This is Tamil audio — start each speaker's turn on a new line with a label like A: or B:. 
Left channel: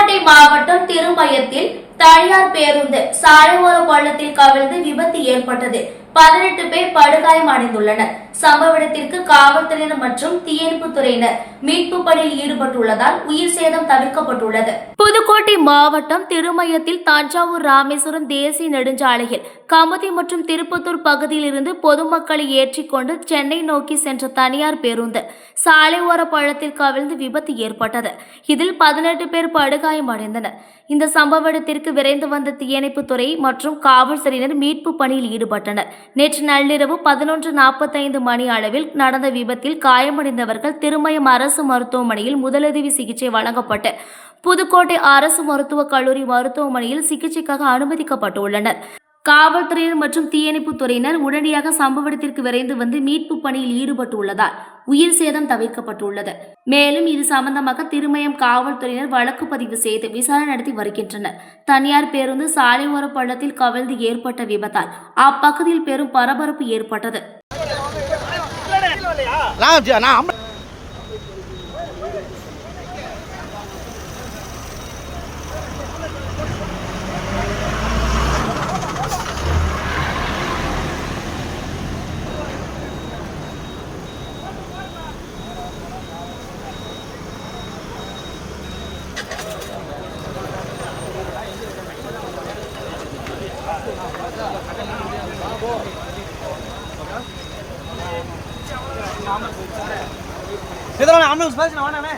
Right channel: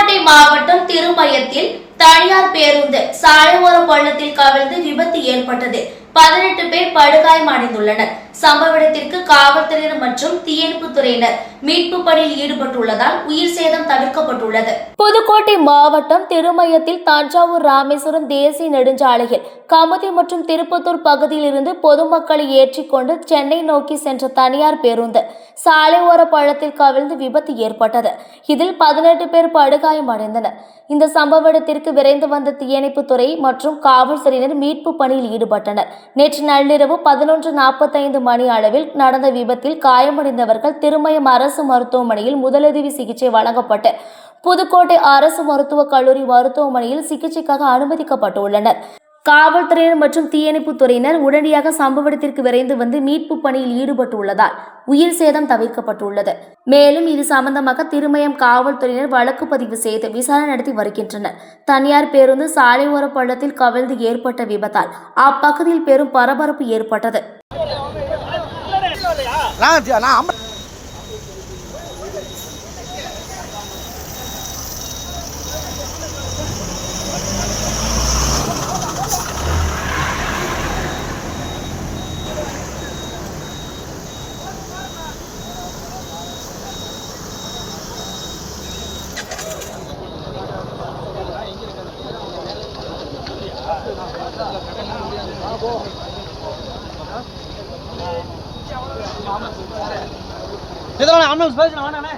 A: புதுக்கோட்டை மாவட்டம் திருமயத்தில் தனியார் பேருந்து சாலையோர பள்ளத்தில் கவிழ்ந்து விபத்து ஏற்பட்டது. பதினெட்டு பேர் படுகாயமடைந்துள்ளனர். சம்பவ இடத்திற்கு காவல்துறையினர் மற்றும் தீயணைப்புத் துறையினர் மீட்பு பணியில் ஈடுபட்டுள்ளதால் உயிர் சேதம் தவிர்க்கப்பட்டுள்ளது. புதுக்கோட்டை மாவட்டம் திருமயத்தில் தஞ்சாவூர் ராமேஸ்வரம் தேசிய நெடுஞ்சாலையில் கமுதி மற்றும் திருப்பத்தூர் பகுதியிலிருந்து பொதுமக்களை ஏற்றிக்கொண்டு சென்னை நோக்கி சென்ற தனியார் பேருந்து சாலையோர பழத்தில் கவிழ்ந்து விபத்து ஏற்பட்டது. இதில் பதினெட்டு பேர் படுகாயமடைந்தனர். இந்த சம்பவ இடத்திற்கு விரைந்து வந்த தீயணைப்புத் துறை மற்றும் காவல்துறையினர் மீட்பு பணியில் ஈடுபட்டனர். நேற்று நள்ளிரவு பதினொன்று நாற்பத்தைந்து மணி அளவில் நடந்த விபத்தில் காயமடைந்தவர்கள் திருமயம் அரசு மருத்துவமனையில் முதலுதவி சிகிச்சை வழங்கப்பட்டு புதுக்கோட்டை அரசு மருத்துவக் கல்லூரி மருத்துவமனையில் சிகிச்சைக்காக அனுமதிக்கப்பட்டுள்ளனர். காவல்துறையினர் மற்றும் தீயணைப்புத் துறையினர் உடனடியாக சம்பவ இடத்திற்கு விரைந்து வந்து மீட்பு பணியில் ஈடுபட்டுள்ளதால் உயிர் சேதம் தவிர்க்கப்பட்டுள்ளது. மேலும் இது சம்பந்தமாக திருமயம் காவல்துறையினர் வழக்கு பதிவு செய்து விசாரணை நடத்தி வருகின்றனர். தனியார் பேருந்து சாலை பள்ளத்தில் கவிழ்ந்து ஏற்பட்ட விபத்தால் அப்பகுதியில் பெரும் பரபரப்பு ஏற்பட்டது.
B: இதெல்லாம் நான் அண்ணன் பேசுறேன் வாண்ணே